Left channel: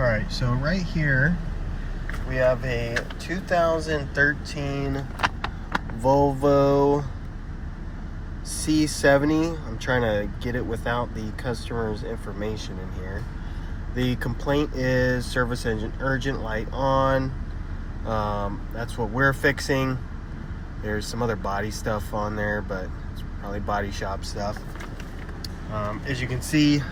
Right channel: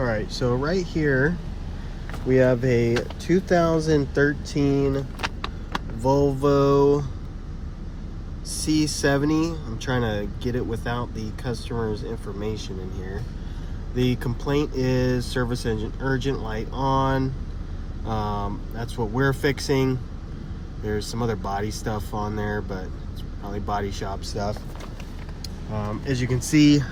All right, so right here we have a 2013 Volvo C70. I'm trying to get it without the customer's information in here. The complaint is service engine urgent light on. That's what we're fixing. There's some other body stuff on there, but it's probably body shop stuff. As you can see,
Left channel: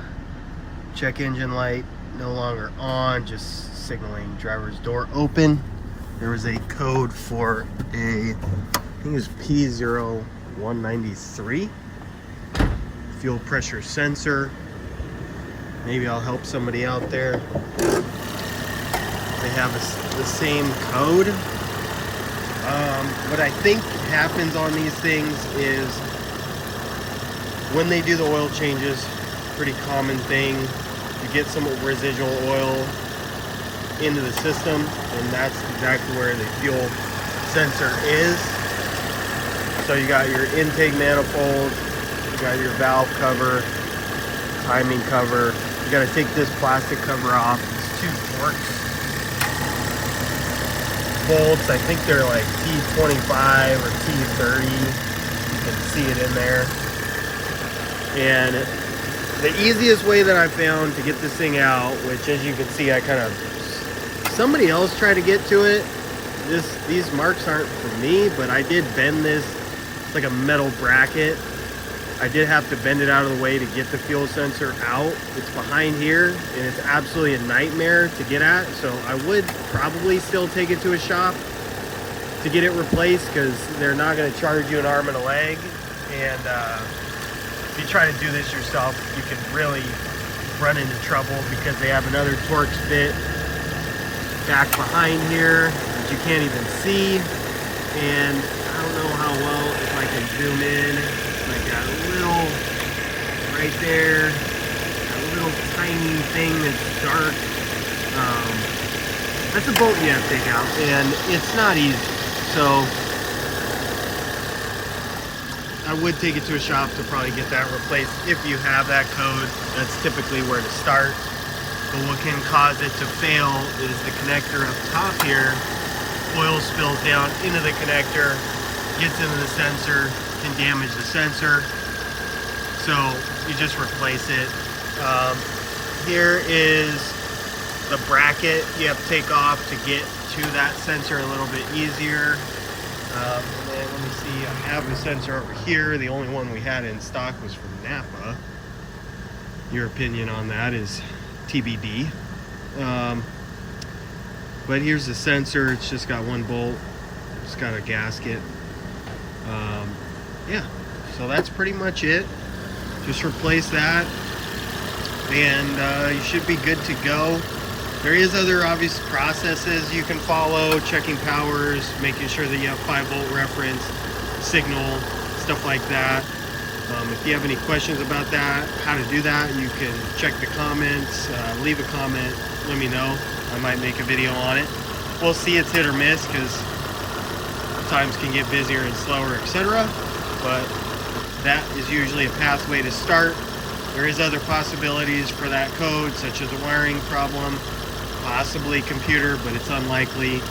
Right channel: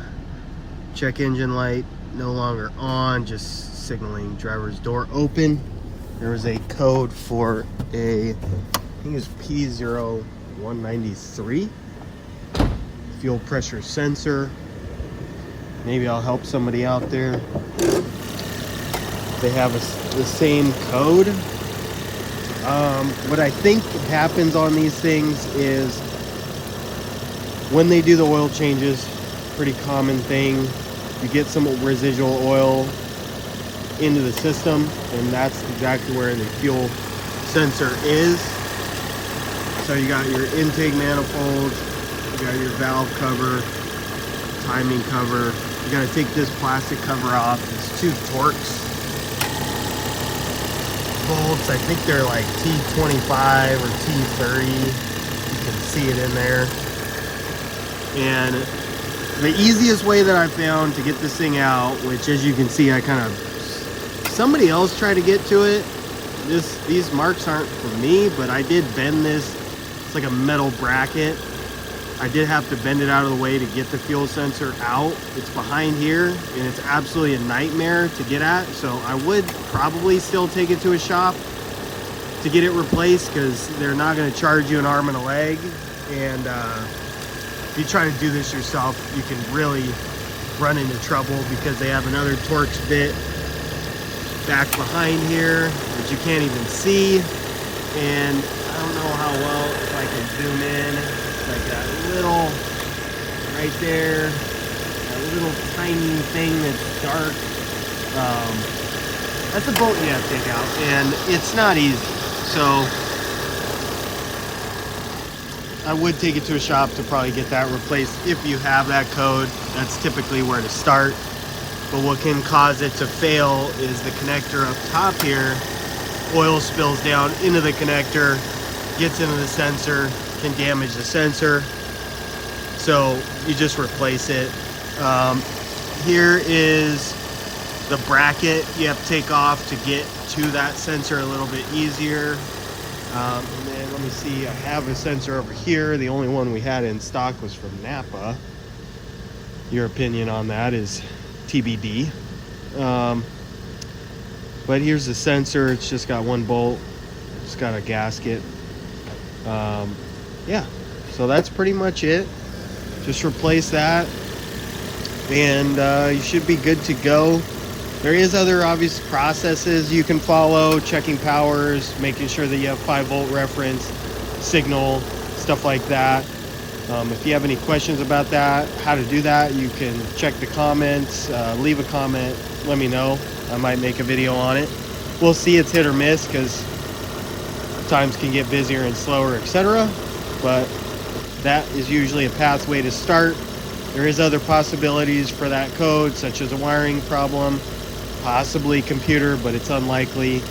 check engine light no longer on, just signaling driver's door open. There was a code for a, I think it was P0193 fuel pressure sensor. Maybe I'll help somebody out there. They have the same code. What I think happens on these things is when they do the oil changes, pretty common thing, you get some residual oil into the system, and that's exactly where the fuel sensor is. So you got your intake manifold, you got your valve cover, timing cover. You got to take this plastic cover off. It's 2 Torx bolts. I think they're like T25 or T30. You can see it in there. And the easiest way that I found to get this thing out, which as you can see, I kind of, somebody else tried to get to it. These marks aren't for me, but I did bend this. It's like a metal bracket. I did have to bend it out of the way to get the fuel sensor out. It's behind here, and it's absolutely a nightmare to get at. So I would probably still take it to a shop to get it replaced, because they're not going to charge you an arm and a leg. And if you try to do this yourself, you can really run into trouble, because they have another Torx bit back behind here that you can't even see. And I don't know how well, if I can zoom in, like that little right there, that little tiny thing that's dark, that's a bolt you have to take out, and it's not easy. So I would take it to a shop to probably get that replaced. If you have that code, that's typically where to start. But what can cause it to fail is the connector up top here. Oil spills down into the connector, gets into the sensor, can damage the sensor. So you just replace it. Here is the bracket you have to take off to get to that sensor a little bit easier. Let me see, I have a sensor over here. The only one we had in stock was from Napa. Your opinion on that is TBD. But here's the sensor. It's just got 1 bolt. It's got a gasket. Yeah, so that's pretty much it. Just replace that, and you should be good to go. There is other obvious processes you can follow, checking powers, making sure that you have 5-volt reference, signal, stuff like that. If you have any questions about that, how to do that, you can check the comments, leave a comment, let me know. I might make a video on it. We'll see, it's hit or miss, because times can get busier and slower, etc. But that is usually a pathway to start. There is other possibilities for that code, such as a wiring problem, possibly computer, but it's unlikely,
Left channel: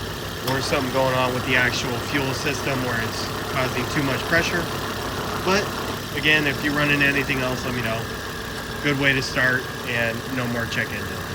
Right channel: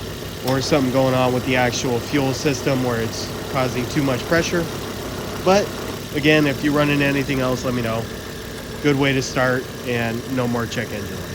or something going on with the actual fuel system where it's causing too much pressure. But again, if you run into anything else, let me know. Good way to start, and no more check engine light.